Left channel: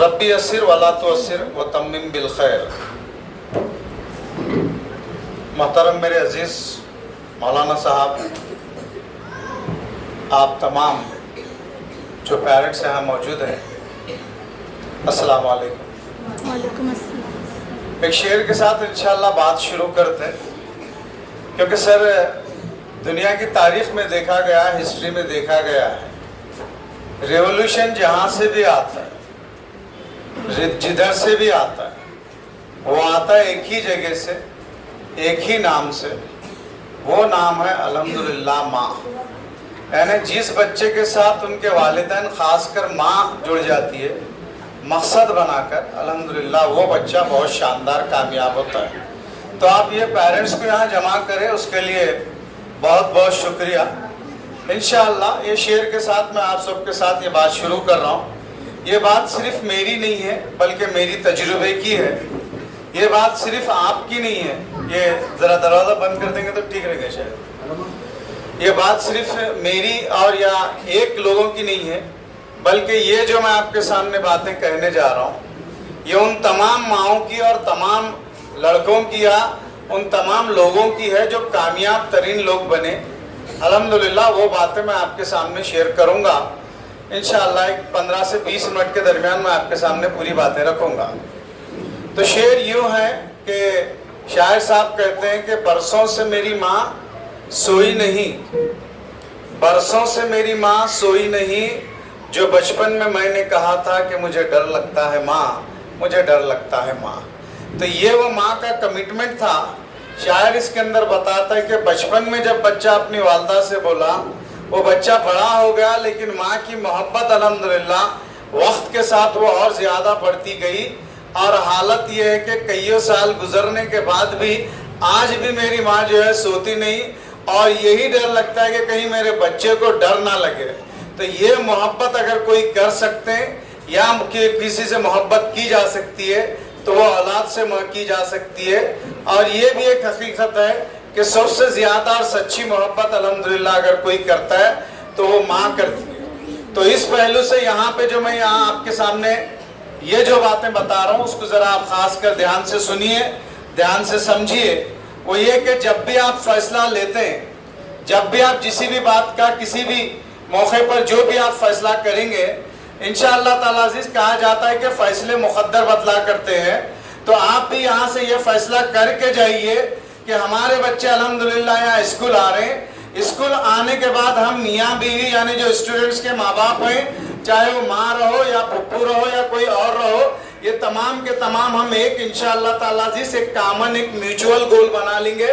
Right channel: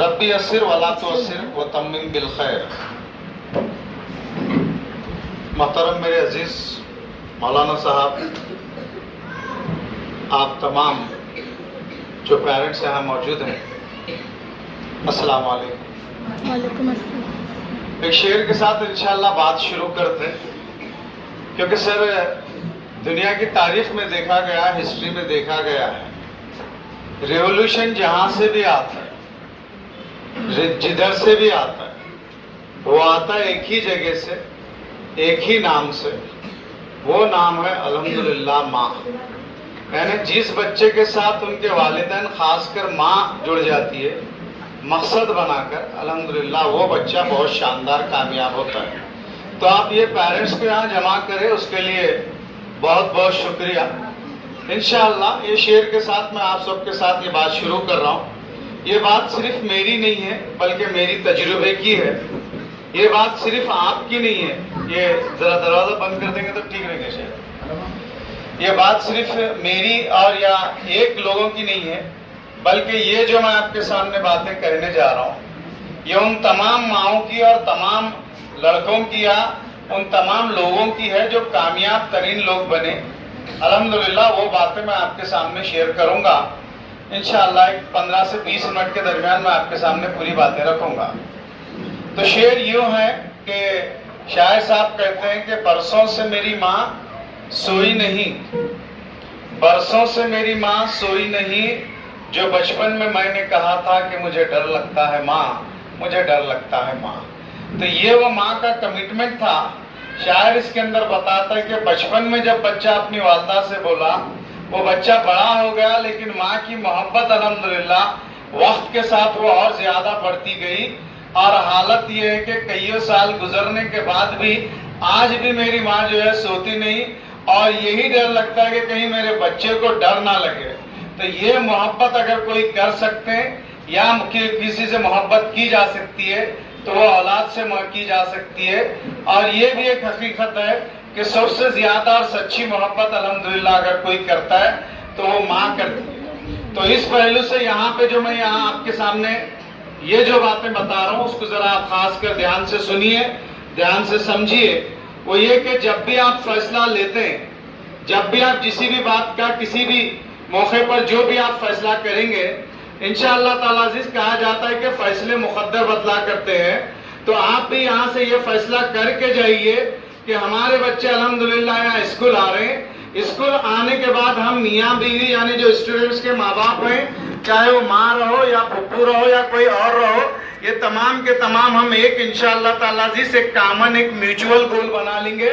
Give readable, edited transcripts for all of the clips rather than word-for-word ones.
ربی یسر ولا تعسر وتمم بالخیر۔ محترم میرے عزیز مولانا صاحب، آپ تمام جو پیرنٹس یہاں موجود ہیں، السلام علیکم۔ وعلیکم السلام۔ ایک شعر کے ساتھ انشاءاللہ بات شروع کرتے ہیں، کیونکہ سر دنیا کی تاریخ میں دیکھا گیا ہے، ہسٹری میں دیکھا گیا ہے، ریولوشن جہاں سے بھی آتا ہے، جدھر سے بھی آتا ہے، وہ آتا ہے ایک ہی جگہ سے، ایک ہی نام سے، وہ نام ہے الحمدللہ ماں۔ یعنی جس بچے کے ساتھ ان کے والدین خاص کر ماں جڑ جاتی ہے مقصد بنا کر، الحمدللہ وہ بچہ بہت شاندار کامیاب ہوتا ہے۔ تو آپ یہ پیرنٹس کو یہاں جمع کریں، اس کے لیے بہت بہت شکریہ۔ انشاءاللہ یہ شعر کے ساتھ میں آپ سب کے ساتھ یہ بات شروع کر رہا ہوں۔ یہ بات صرف میری نہیں ہے بلکہ میری تجربے کی ہے، یہ بات صرف آپ کی نہیں ہے۔ یہ ذرا دروازہ بند کر دیں گے تو ٹھیک رہے گا شاید۔ یہ بات صرف میری اور یا ایک لوگوں کی نہیں ہے، بلکہ یہ جو میں آپ کے سامنے باتیں کہنے جا رہا ہوں، یہ ان تمام ماؤں کی اور تمام لڑکوں کی یا ان تمام لوگوں کی ہے جو کامیاب ترین لوگ بنے۔ الحمدللہ وہ باتیں میں آپ کے سامنے شیئر کروں گا انشاءاللہ۔ ایک 15 سے 20 منٹ کے درمیان میں آپ کے سامنے پوری باتیں رکھوں گا۔ تو شعر یوں ہے کہ شاعر صاحب کہتے ہیں کہ برسوں سے میری ماں سوئی نہیں، برسوں سے میری ماں سوئی نہیں، جو بچپن میں نے کہا تھا کہ مجھے ڈر لگتا ہے ماں، مجھے ڈر لگتا ہے ماں۔ تو یہ وہ ماں کا کمٹمنٹ تھا۔ شاعر اس کے اندر بتاتا ہے کہ بچپن میں جب بچہ اپنی والدہ سے بولا، وہ بچہ بڑا ہو گیا، لیکن ماں کی محبت الحمدللہ وقت کے ساتھ وہ اور زیادہ بڑھتی گئی، اور حالت یہ ہے کہ کئیوں سال گزرنے کے بعد بھی آج بھی میری ماں جو ہے سوتی نہیں، اور یہی ڈر لگتا ہے کہ کہیں میرے بچے کو ڈر نہ لگے۔ تو یہ محبت اگر کوئی کر سکتے ہیں یا کسی سے محبت کی جا سکتی ہے تو وہ اولاد سے کی جا سکتی ہے، اور یہ بھی ایک حقیقت ہے کہ سب سے زیادہ اور سچی محبت الحمدللہ اگر کوئی کرتا ہے تو وہ ماں کرتی ہے۔ تو اس پہلو سے یہاں پہ جو میں یہاں آپ کے سامنے یہ جو باتیں بتا رہا ہوں اس کو ذرا آپ خاص کر دھیان سے سنیے، دھیان سے سمجھیے۔ وہ یہ کہ جب بھی آپ فیصلہ لیتے ہیں، جب بھی آپ کسی بھی بات کا کسی بھی موقع پر جو بھی آپ فیصلہ کریں گے، انشاءاللہ تعالیٰ عزیز کہا جاتا ہے کہ فیصلے مقدر بدلا کرتے ہیں۔ تو آپ بھی یہاں سے یہ فیصلہ کر کے جائیے کہ ہمارے بچے الحمدللہ یہاں اسکول آ رہے ہیں، اسکول آنے کے بعد ہم میاں بیوی یعنی جو اسٹوڈنٹس کے ماں باپ ہیں، چاہے وہ ماں رہو یا پھپھو رہو یا کوئی اور رہو، یہ تمام کے تمام ہم ایک انشاءاللہ تعالیٰ عزیز ایک کامن ایک میوچول گول بنا لیں گے،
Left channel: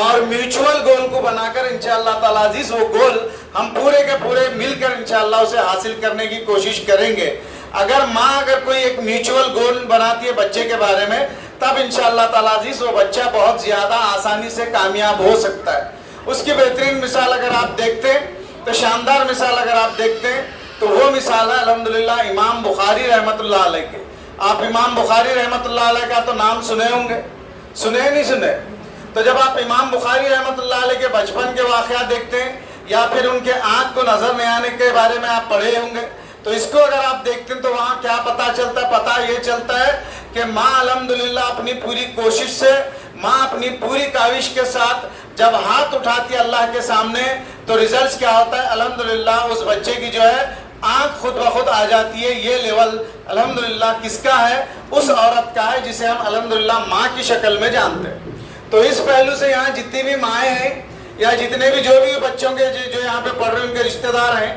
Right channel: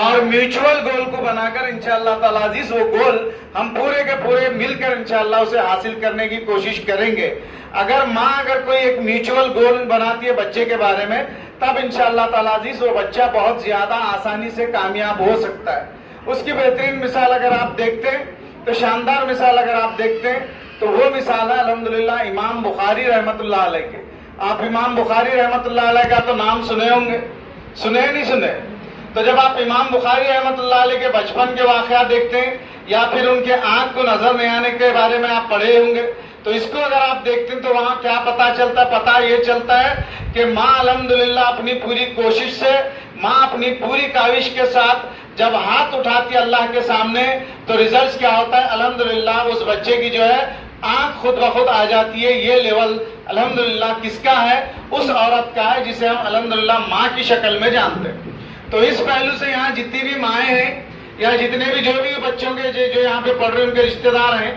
اور میوچول گول کو بنا کر انشاءاللہ تعالیٰ عزیز وہ گول ہم پورے کے پورے مل کر انشاءاللہ اسے حاصل کرنے کی کوشش کریں گے۔ اگر ماں اگر کوئی ایک میوچول گول بناتی ہے بچے کے بارے میں، تب انشاءاللہ تعالیٰ عزیز وہ بچہ بہت زیادہ آسانی سے کامیاب ہو سکتا ہے۔ اس کی بہترین مثال اگر آپ دیکھتے ہیں تو شاندار مثال اگر آپ دیکھتے ہیں تو وہ مثال ہے الحمدللہ امام بخاری رحمت اللہ علیہ کے۔ آپ امام بخاری رحمت اللہ علیہ کا تو نام سنے ہوں گے، سنے نہیں سنے؟ تو جب آپ امام بخاری رحمت اللہ علیہ کے بچپن کے واقعات دیکھتے ہیں یا پھر ان کے آنکھ کو نظر نہیں آنے کے بارے میں آپ پڑھے ہوں گے، تو اس کو اگر آپ دیکھتے ہیں تو وہاں کیا پتا چلتا ہے؟ پتا یہ چلتا ہے کہ ماں الحمدللہ اپنی پوری کوشش سے، ماں اپنی پوری کاوش کے ساتھ جب ہاتھ اٹھاتی ہے اللہ کے سامنے تو ریزلٹس کیا ہوتا ہے؟ الحمدللہ اس بچے کی جو ہے آنکھ خود بخود آ جاتی ہے۔ یہ لیول الحمدللہ کس کا ہے؟ اس عورت کا ہے جسے ہم الحمدللہ ماں کی شکل میں جانتے ہیں۔ تو اس پہلو سے یہاں جتنی بھی مائیں ہیں یا جتنے بھی جو بھی بچوں کے جو یہاں پہ پڑھ رہے ہیں ان کے رشتہ دار ہیں،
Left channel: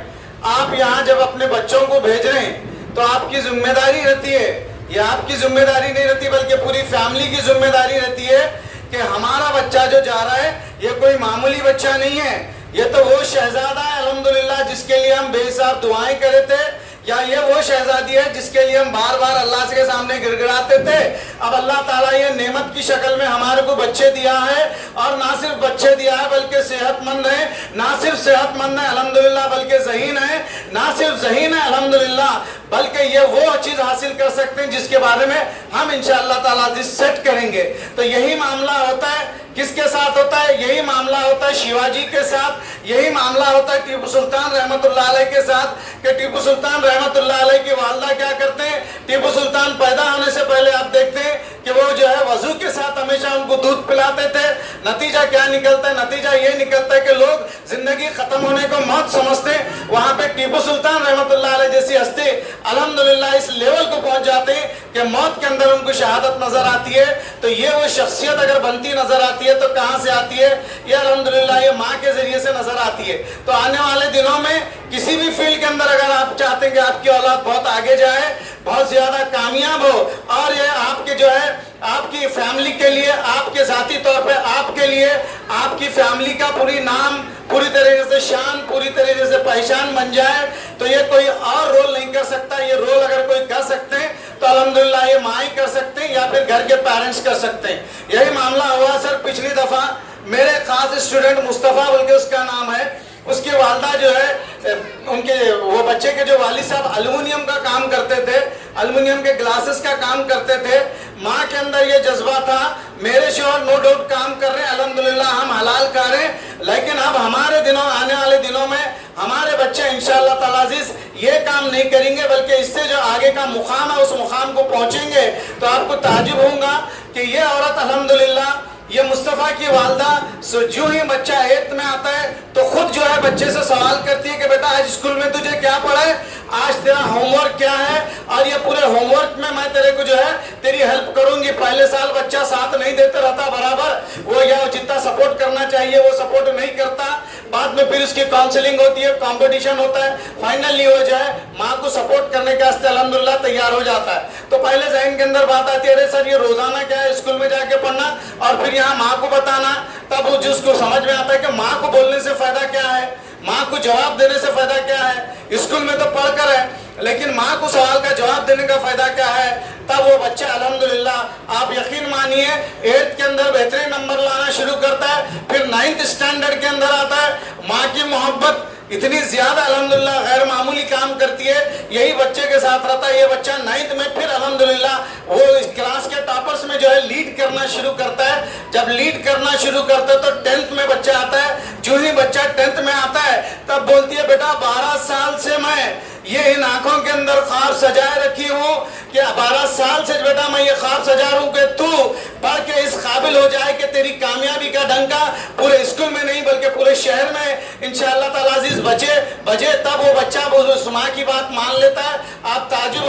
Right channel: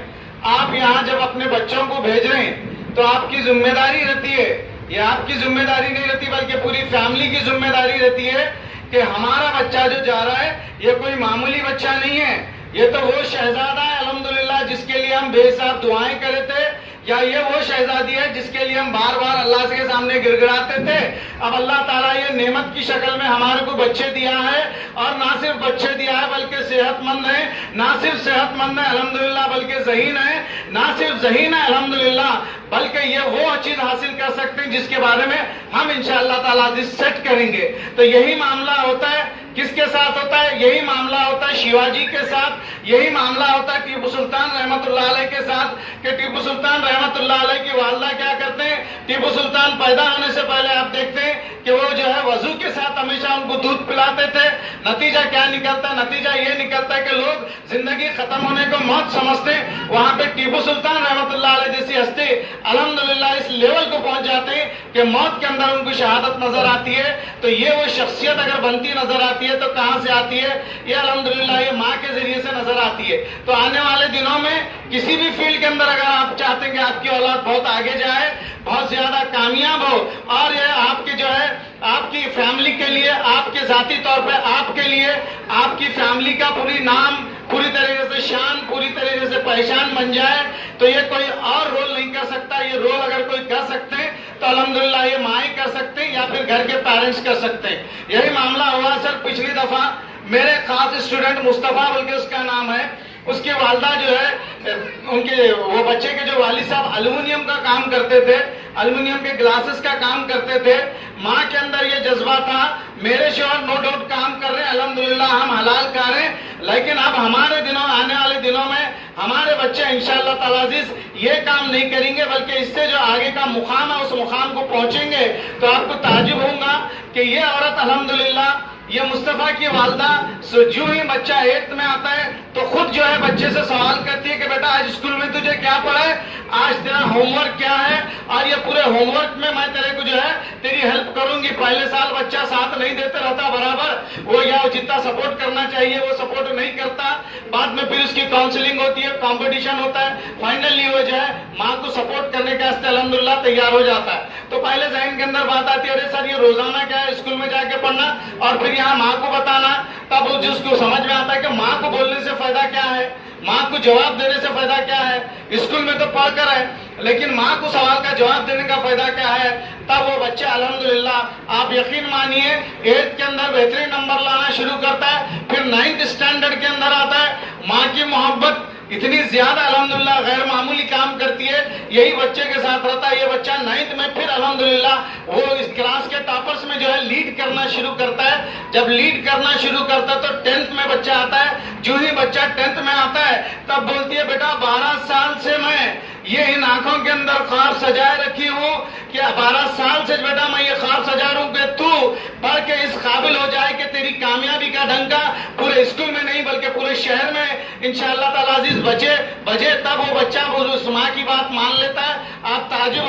آپ یہاں جب اپنے بچوں کو بھیج رہے ہیں تو آپ کی ذمہ داری رہتی ہے، یہ آپ کی ذمہ داری نہیں رہتی بلکہ پوری فیملی کی ذمہ داری رہتی ہے کہ ہمارا بچہ جو جا رہا ہے یہ کوئی معمولی بچہ نہیں ہے، یہ تو وہ شہزادہ ہے الحمدللہ جس کے لیے ہم بے حساب دعائیں کرے تھے، یا یہ وہ شہزادی ہے جس کے لیے ہم بار بار اللہ کے سامنے گڑ گڑاتے تھے۔ اب اللہ تعالیٰ یہ نعمت کی شکل میں ہمارے کو بچے دیا ہے، اور نہ صرف بچے دیا ہے بلکہ صحت مند ہے، نہ صرف صحت مند ہے الحمدللہ بلکہ ذہین ہے، نہ صرف ذہین ہے الحمدللہ بلکہ یہ وہ چیز حاصل کر سکتے ہیں جس کے بارے میں ہم انشاءاللہ تعالیٰ سیٹ کریں گے۔ تو یہی معاملہ ہوتا ہے کس کے ساتھ ہوتا ہے؟ یہی معاملہ ہوتا ہے شیواجی کے ساتھ، یہی معاملہ ہوتا ہے ٹیپو سلطان رحمت اللہ علیہ کے ساتھ، کہ ٹیپو سلطان رحمت اللہ علیہ کی والدہ کیا کرتے ہیں؟ ٹیپو سلطان پیدا ہونے سے پہلے آپ دیکھتے ہیں کہ وہ جو ہے وضو کے ساتھ ہمیشہ ان کو دودھ پلاتے تھے۔ نتیجہ کیا نکلتا ہے؟ نتیجہ یہ نکلتا ہے کہ لوگ زندگی ختم ہونے کو موت سمجھتے ہیں، وہاں پہ ٹیپو سلطان رحمت اللہ علیہ جیسی ہستی الحمدللہ اس لیول کو پہنچ جاتے ہیں کہ موت کے اندر ان کو شہادت نظر آتی ہے۔ تو یہ وہ شخصیت اگر بنتی نظر آتی ہے تو کہاں سے آتی ہے؟ یہ الحمدللہ یہ ماں کے ذریعے سے نظر آتی ہے۔ تو آنے والے دنوں میں کسی بھی فیلڈ کے اندر اگر آپ چاہتے ہیں کہ آپ کی اولاد بہت آگے جائے، بہت زیادہ کامیاب ہو، اور یہ آپ کے جو ہے آپ کی فیملی کے لیے، آپ کے ذاتی طور پہ آپ کے لیے، آپ کی فیملی کا پوری نام، پوری طریقے سے شان، پوری طریقے سے پہچان بن جائے، تو یہ کوئی اور رول نہیں کر سکتا۔ یہ رول اگر کوئی کر سکتے ہیں تو الحمدللہ یہ ماں ہی کر سکتے ہیں یا پھر گھر کے پیرنٹس کر سکتے ہیں۔ یہی معاملہ ہوا سر پچھلی دفعہ میرے خاص اسٹوڈنٹ مصطفیٰ بلکہ اس کا نام ہے، اس کی والدہ جو ہے ان کے وہ بچے کے جو والد صاحب الومینیم کا کام کرتے تھے، الومینیم کے گلاسز کا کام کرتے تھے۔ ماں کے اندر یہ جذبہ تھا، میرے شوہر نو ڈاؤٹ کام کر رہے ہیں، الحمدللہ ہم حلال کھا رہے ہیں، لیکن اب ہمارے دنوں آنے والے دنوں میں ہمارے بچے انشاءاللہ تعالیٰ عزیز یہ کام نہیں کریں گے، بلکہ اس سے جو آگے کا مقام ہے اس مقام کو پہنچیں گے۔ تو آپ کو تعجب ہوگا کہ یہ عورت الحمدللہ، یہ مصطفیٰ کی والدہ جو ہی بچہ 8th میں آتا ہے تو خود جو ہے بچے سے سوال کرتی ہے کہ بیٹا آج اسکول میں تجھے کیا پڑھا ہے، آج تیرا ہوم ورک کیا ہے، اور یہ پورے ہوم ورک میں میں تیرے کو جو ہے تیری ہیلپ کروں گی۔ پہلے سال بچہ ساتھ نہیں دیتے رہتا برابر، وہ یا جتنا سپورٹ کرنا چاہیے وہ سپورٹ نہیں کرتا، بعد میں پھر اس کی کاؤنسلنگ ہوتی ہے، کمپٹیشن ہوتا ہے، فائنلی وہ جو ہے ماں کو سپورٹ کرنے کے واسطے الحمدللہ تیار ہو جاتا ہے۔ تو پہلے ذہن کے اندر بات آتی ہے ارے سر یہ روزانہ کیا ہے اسکول میں جا کے پڑھنا اور پھر یہاں ماں کو بتانا، تب وہ جس کو سمجھ میں آتا ہے کہ ماں کو بولنے سے فائدہ کیا ہے، ماں کو جواب دینے سے فائدہ کیا ہے، اسکول میں تو پڑھ کر ہے لیکن ماں کو سوال کا جواب دینے کا فائدہ کیا ہے، تب وہ بچہ الحمدللہ آپ یقین مانیے 8th کے اندر بہترین نمبر لانا شروع کرتا ہے، پھر 9th اسٹینڈرڈ کے اندر آتا ہے۔ ماں کی محبت اتنی زیادہ الحمدللہ غیر معمولی کام کرتی ہے، یہی بچے کے ساتھ رہتا ہے۔ یہ بچہ 9th میں پھر الحمدللہ وہ اس کلاس کے ٹاپرز میں جو ہے لیڈ کرنا شروع کرتا ہے۔ جب لیڈ کرنا شروع کرتا ہے تو 10th میں بچہ آتا ہے، جو ہی بچہ 10th میں آتا ہے تب بولتی ہے بیٹا 12 سال سے میں یہ ان آنکھوں کے اندر خواب سجائے رکھی ہوں کہ 12 سال سے بیٹا میں یہ خواب سجا رہا ہوں کہ تو پڑھ کے اس قابل ہو جائے کہ تیری کامیابی کا ڈنکا پورے اسکول میں نہیں بلکہ پورے شہر میں انشاءاللہ تعالیٰ عزیز بجے تب وہ بچہ اس ماں کی بات مان لیتا ہے۔ آپ تعجب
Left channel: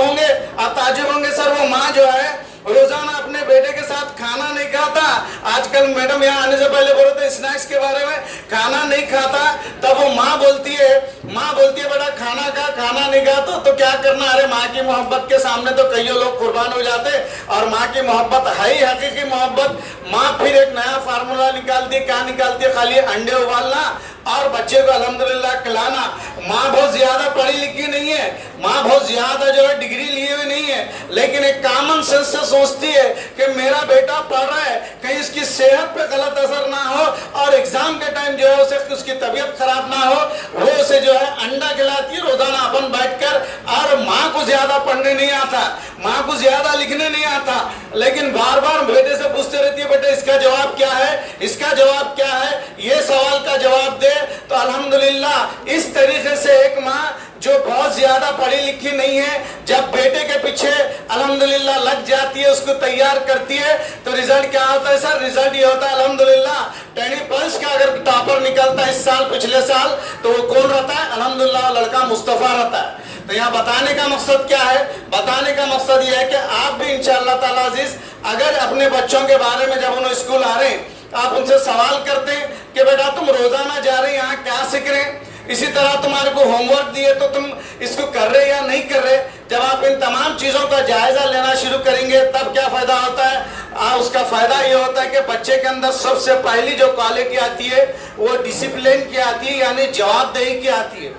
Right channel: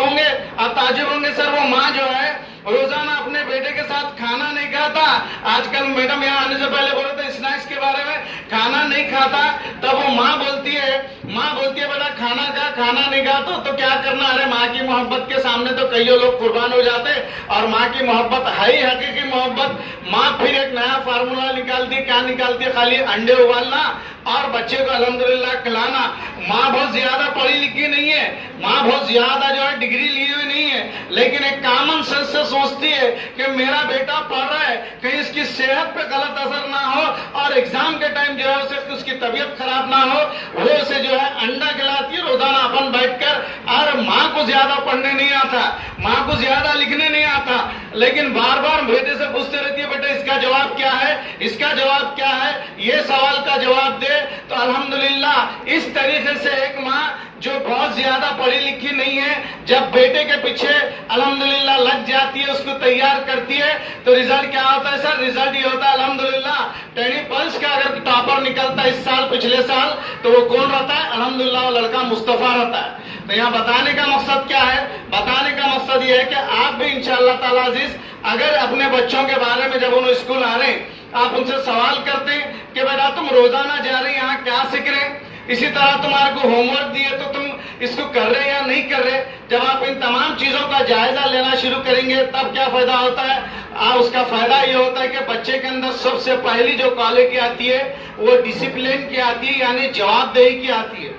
ہوں گے سر وہ ماں جو ہے روزانہ اپنے بیٹے کے ساتھ کھانا نہیں کھاتا، آج کل میڈم یہاں آنے سے پہلے بولے تھے اسنیکس کے بارے میں، کھانا نہیں کھاتا، تب وہ ماں بولتی ہے بیٹا کھانا نہیں کھاتا تو کیا کرنا، ارے ماں کی محبت کے سامنے تو کئی لوگ قربان ہو جاتے، اور ماں کی محبت ہے ہی حقیقی محبت۔ ماں پھر ایک نیا فارمولا نکالتی، کیا نکالتی ہے؟ خالی انڈے ابالنا اور بچے کو الحمدللہ کھلانا۔ ماں بہت زیادہ پڑھی لکھی نہیں ہے، ماں بہت زیادہ جو ہے ڈگری لیے ہوئی نہیں ہے، لیکن ایک کامن سینس سے سوچتی ہے کہ میرا بیٹا پڑھ رہا ہے، کہیں اس کی صحت پہ غلط اثر نہ ہو اور ایگزام کے ٹائم جو ہے اس کی طبیعت خراب نہ ہو، وہ اسے جو ہے انڈا کھلاتی ہے روزانہ اپن بیٹھ کر۔ اور ماں کو زیادہ پڑھنے نہیں آتا، ماں کو زیادہ لکھنے نہیں آتا، لیکن بار بار بیٹے سے پوچھتے رہتی ہے بیٹا اس کا جواب کیا ہے، اس کا جواب کیا ہے، یہ سوال کا جواب دے۔ تو الحمدللہ اس طریقے سے ایک ماں جو بہت زیادہ پڑھی لکھی نہیں ہے جب بیٹے کے پیچھے الحمدللہ لگ جاتی ہے، اس کو تیار کرتی ہے، تو ریزلٹ کیا ہوتا ہے سر؟ ریزلٹ یہ ہوتا ہے الحمدللہ ٹینی پلس کا اگر ٹاپر نکلتا ہے اس سال پچھلے سال تو وہ کون رہتا ہے؟ الحمدللہ وہ لڑکا مصطفیٰ رہتا ہے۔ تو یہاں بتانے کا مقصد کیا ہے؟ بتانے کا مقصد یہ ہے کہ آپ بھی انشاءاللہ تعالیٰ عزیز اگر اپنے بچوں کے بارے میں جب انہوں اسکول آ رہے ہیں آپ ان سے سوال کرتے ہیں کہ بیٹا تم روزانہ جا رہے یہاں کیا سیکھ رہے ہیں، اسی طرح تمہارے کو ہوم ورک دیے تو تم اس کو کر رہے یا نہیں کر رہے، جب آپ ان تمام چیزوں کا جائزہ لینا شروع کریں گے تب کیا فائدہ ہوتا ہے؟ اس کا فائدہ یہ ہوتا ہے کہ بچے کے اندر سب سے پہلی جو کوالٹی آتی ہے وہ ڈسپلن کی آتی ہے، یعنی جواب دہی کی آتی ہے۔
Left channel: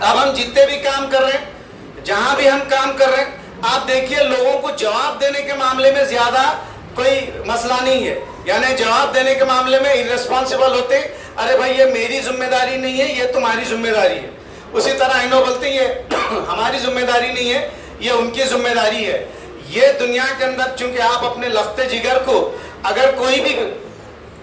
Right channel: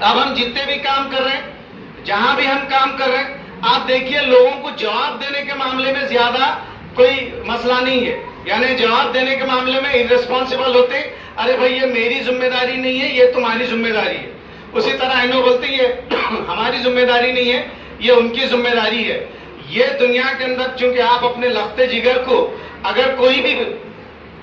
اب ہم جتنے بھی کام کر رہے ہیں، جہاں بھی ہم کام کر رہے ہیں، آپ دیکھیے لوگوں کو جواب دینے کے معاملے میں زیادہ کوئی مسئلہ نہیں ہے، یعنی جواب دینے کے معاملے میں irresponsible ہوتے ہیں، ارے بھائی یہ میری ذمہ داری نہیں ہے، یہ تمہاری ذمہ داری ہے۔ اسی طرح انہوں بولتے ہیں یہ ہماری ذمہ داری نہیں ہے، یہ ان کی ذمہ داری ہے۔ یہ دنیا کے اندر چونکہ آپ اپنے لخت جگر کو اگر کوئی بھی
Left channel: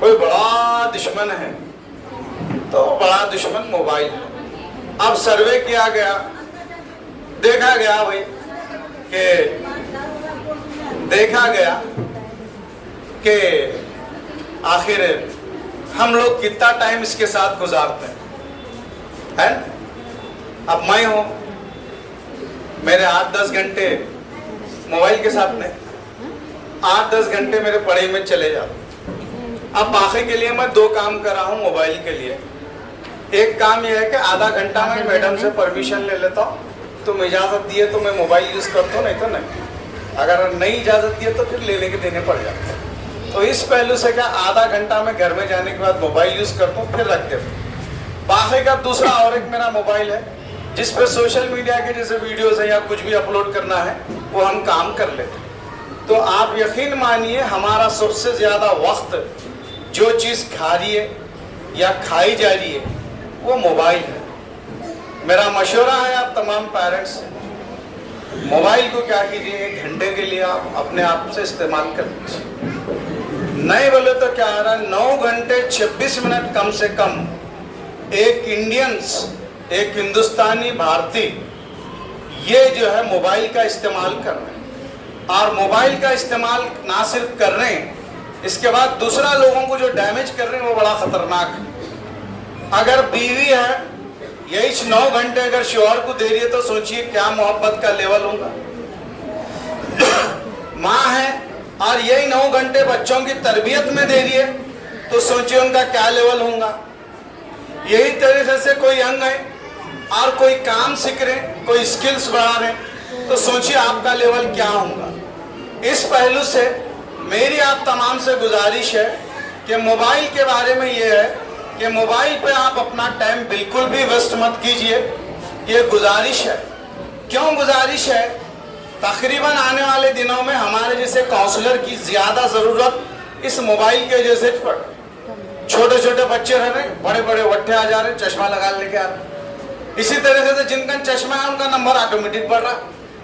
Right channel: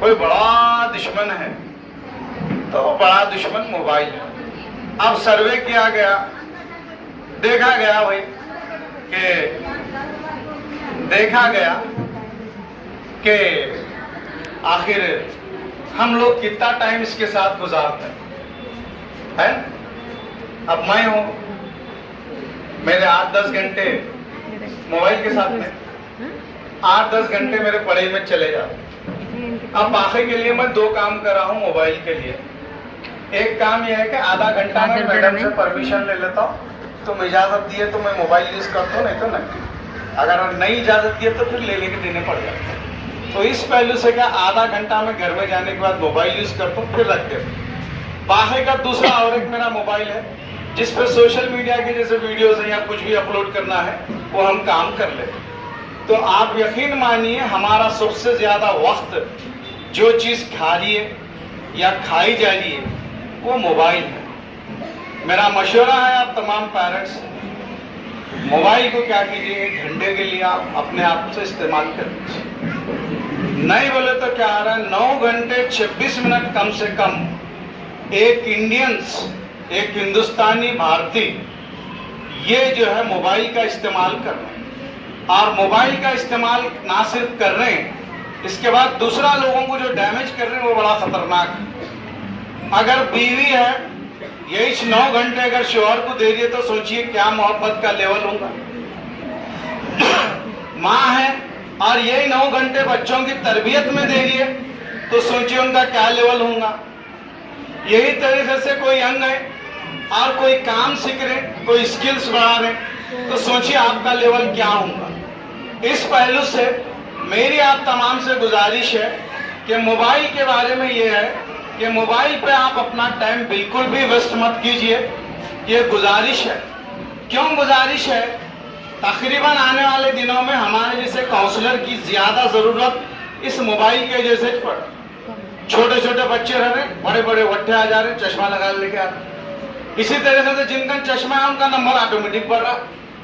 کوئی بڑا دشمن ہے تو وہ بڑا دشمن موبائل ہے. اب سروے کیا گیا, دیکھا گیا کہ آخر ہم لوگ کتنا ٹائم اس کے ساتھ گزارتے ہیں. اب میں ہوں, میرے 8-10 گھنٹے موبائل کے ساتھ میں, 8-10 گھنٹے میرے پڑھائی میں چلے جاتے. اب باقی کے لیے میں 2 کام کر رہا ہوں موبائل کے لیے. ایک کام یہ ہے کہ آدھا گھنٹہ میں میڈم سے پرمیشن لے لیتا ہوں, تم اجازت دیے تو میں موبائل یوز کرتا ہوں, نہیں تو نہیں. اگر نہیں اجازت دیے تو پھر لے کے دینے پڑ جاتے ہیں. تو اس پہلو سے کیا آدھا گھنٹہ میں گھر میں جانے کے بعد موبائل یوز کرتا ہوں, پھر رکھ دیتا ہوں. باقی کا دوسرا اور ایک میرا موبائل ہے جس پہ سوشل میڈیا کے جیسے ویڈیوز ہیں یا کچھ بھی اپلوڈ کرنا ہے وہ ہم کام کر لیتے ہیں. تو آپ یقین مانیے ہمارا سب سے زیادہ وقت جو چیز کھا رہی ہے یا کھائی جا رہی ہے وہ موبائل ہے. میرا مشورہ ہے آپ تمام پیرنٹس, موبائل کو کیا کیجیے 1 گھنٹے کے لیے آپ اپنے آپ سے استعمال کر لیجیے. نہیں بولے تو کیا آ رہا ہے 9 گھنٹے 26 منٹ کم سے کم ایک انڈینس, ایک ہندوستانی بھارتی یہ جو ہے موبائل کا استعمال کر رہے ہیں. اور موبائل کا استعمال نہ صرف کر رہے ہیں, اس کے بعد دوسرا لوگوں کو جو ڈیمیج کر رہے ہیں وہ بڑا خطرناک ہے. اگر بیوی ہے یہی 9 گھنٹے اگر شوہر کو دے رہی ہے تو سوچئے کیا محبت کا لیول ہوگا. ماں ہے اور یہی 9 گھنٹے بچوں کی تربیت میں دے رہی ہے تو سوچئے ان کا کیا لیول ہوگا. یہی طریقے سے کوئی ینگ ہے اور کوئی کام سیکھ رہے, کوئی سکلز بڑھا رہے تو سوچئے آپ کا لیول کیا ہوگا. اس پہلو سے میری آپ تمام سے گزارش ہے کہ موبائل کے بارے میں یہ ہے کہ موبائل پہ آپ اپنا ٹائم بالکل بھی ویسٹ مت کیجئے. یہ گزارش ہے. کیوں گزارش ہے؟ تقریباً آنے والے دنوں میں ہمارے جیسے کاؤنسلر کی زیادہ ضرورت اس موبائل کے جیسے پر. چھوٹے چھوٹے بچے رہ رہے, بڑے بڑے وٹھے آ جا رہے, چشمہ لگا لے کے آ رہے. اسی طریقے سے جن کا چشمہ ہے ان کا نمبر آٹومیٹک بڑھ رہا.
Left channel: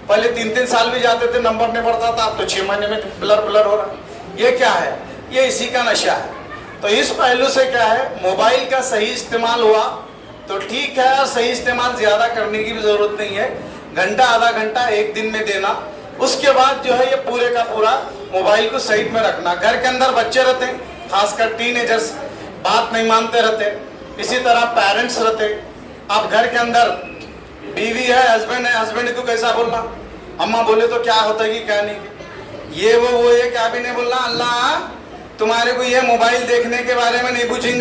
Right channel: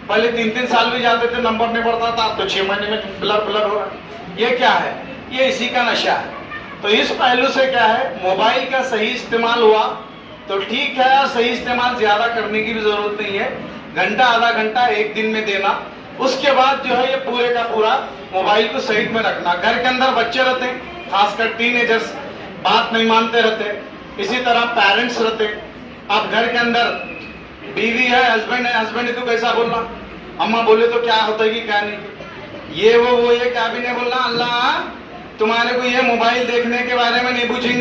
پہلے 3 سال بھی جاتے تھے نمبر نہیں بڑھتا تھا, اب تو 6 مہینے میں بلر ہو رہا. یہ کیا ہے؟ یہ اسی کا نشہ ہے. تو اس پہلو سے کیا ہے, موبائل کا صحیح استعمال ہوا تو ٹھیک ہے, اور صحیح استعمال زیادہ کرنے کی بھی ضرورت نہیں ہے. گھنٹہ آدھا گھنٹہ ایک دن میں دینا. اس کے بعد جو ہے یہ پورے کا پورا موبائل کو سائڈ میں رکھنا. گھر کے اندر بچے رہتے ہیں, خاص کر ٹین ایجرز بات نہیں مانتے رہتے, اسی طرح پیرنٹس رہتے. اب گھر کے اندر بیوی ہے, ہسبینڈ ہے, ہسبینڈ کو کیسا بولنا, اماں بولے تو کیا ہوتا ہے کہ کیا نہیں, یہ وہ یہ کیا بھی نہیں بولنا. اللہ تمہارے کو یہ موبائل دیکھنے کے بارے میں نہیں پوچھیں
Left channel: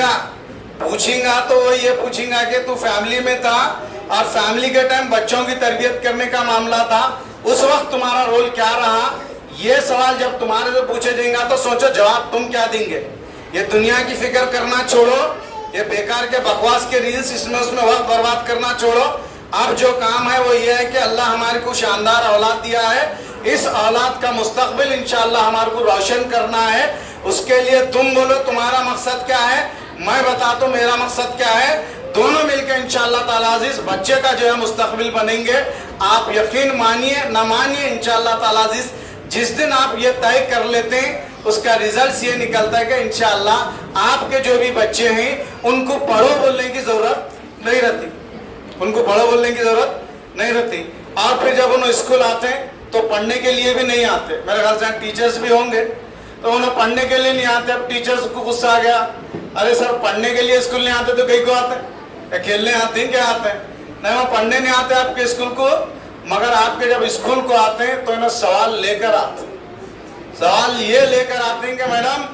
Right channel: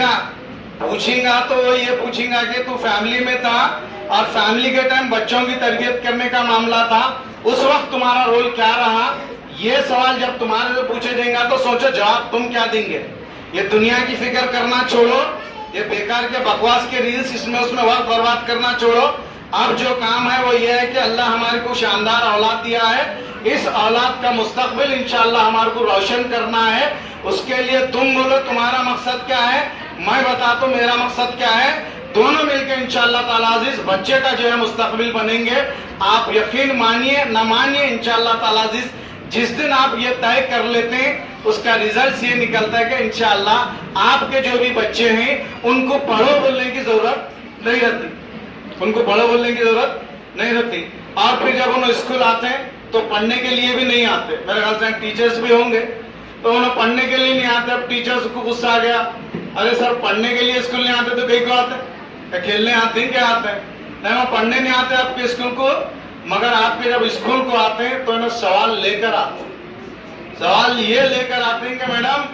گا تو یہ پوچھیں گا کہ تو فیملی میں تھا اور فیملی کے ٹائم بچوں کی تربیت کرنے کا معاملہ تھا, اس وقت تمہارا رول کیا رہا. یہ سوال جب تمہارے سے پوچھے جائیں گا تو سوچو جواب تم کیا دیں گے. یہ دنیا کی فکر کرنا چھوڑو, یہ بیکار کے بکواس کے ریلز اس میں وقت برباد کرنا چھوڑو. اب جو کام ہے وہ یہ ہے کہ اللہ ہمارے کو شاندار اولاد دیا ہے, اس اولاد کا مستقبل انشاءاللہ ہمارے کو روشن کرنا ہے. اس کے لیے تم بولو تمہارا مقصد کیا ہے, میں بتاتا ہوں میرا مقصد کیا ہے. دونوں مل کے انشاءاللہ تعالیٰ عزیز بچے کا جو ہے مستقبل بنیں گے. آپ یقین مانیے نہ مانیے انشاءاللہ تعالیٰ عزیز جس دن آپ یہ طے کر لیتے ہیں اس کا ریزلٹ یہ نکلتا ہے کہ انشاءاللہ آپ کے جو بھی بچے ہیں ان کو پڑھو بولنے کی ضرورت نہیں رہتی, ان کو پڑھو بولنے کی ضرورت نہیں رہتی. اور پھر جب انہوں اسکول آتے ہیں تو پڑھنے کے لیے بھی نہیں آتے. میرے خیال سے ٹیچرز بھی ہوں گے تو انہوں پڑھنے کے لیے نہیں آتے. اب ٹیچرز کو غصہ آ گیا, ارے سر پڑھنے کے لیے اسکول نہیں آتے تو کہیں کو آتے ہیں, کھیلنے آتے ہیں, کیا آتے ہیں, نہیں وہ پڑھنے نہیں آتے آپ کے اسکول کو. مگر آپ کے جب اسکول کو آتے ہیں تو انہیں سوال لے کر آتے ہیں. سوال یہ لے کر آتے ہیں کہ میڈم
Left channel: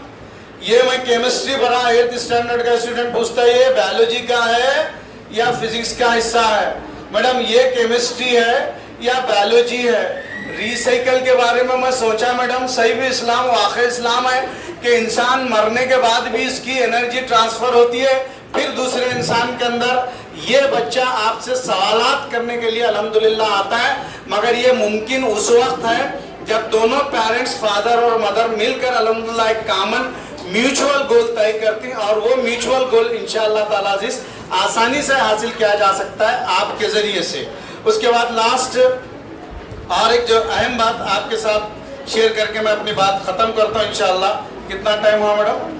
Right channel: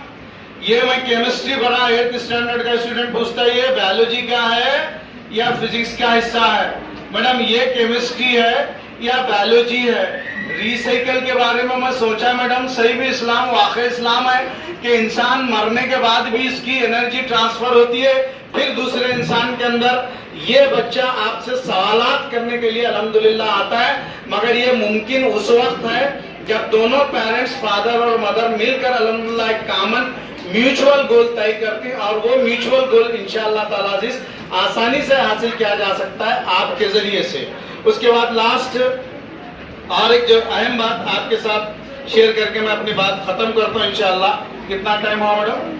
یہ میں کیمسٹری پڑھا 8th اسٹینڈرڈ کا اسٹوڈنٹ پوچھتا ہے یہ بایولوجی کا ہے یا فزکس کا حصہ ہے, میڈم یہ کیمسٹری ہے یا بایولوجی ہے. ریسائیکل کے بارے میں سوچا میڈم صحیح بھی اسلام واقع اسلام ہے کہ انسان مرنے کے بعد بھی اس کی انرجی ٹرانسفر ہوتی ہے پھر دوسرے انسان کے اندر. یہ بچہ آپ سے سوالات کرنے کے لیے الحمدللہ آتا ہے, مگر یہ ممکن اس وقت ہے جب دونوں پیرنٹس فادر اور مدر مل کر الحمدللہ ایک کامن میوچول گول طے کرتے ہیں, اور وہ میوچول گول انشاءاللہ تعالیٰ عزیز آسانی سے حاصل کیا جا سکتا ہے آپ کے ذریعے سے. اس کے بعد لاسٹ اور ایک جو اہم بات آپ کے ساتھ شیئر کر کے میں اپنی بات ختم کرتا ہوں انشاءاللہ. کتنا ٹائم ہوا madam?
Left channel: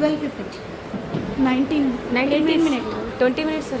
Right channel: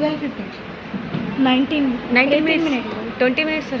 12:50. 19 minutes. 20 minutes sir.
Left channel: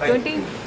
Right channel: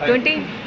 Thank you.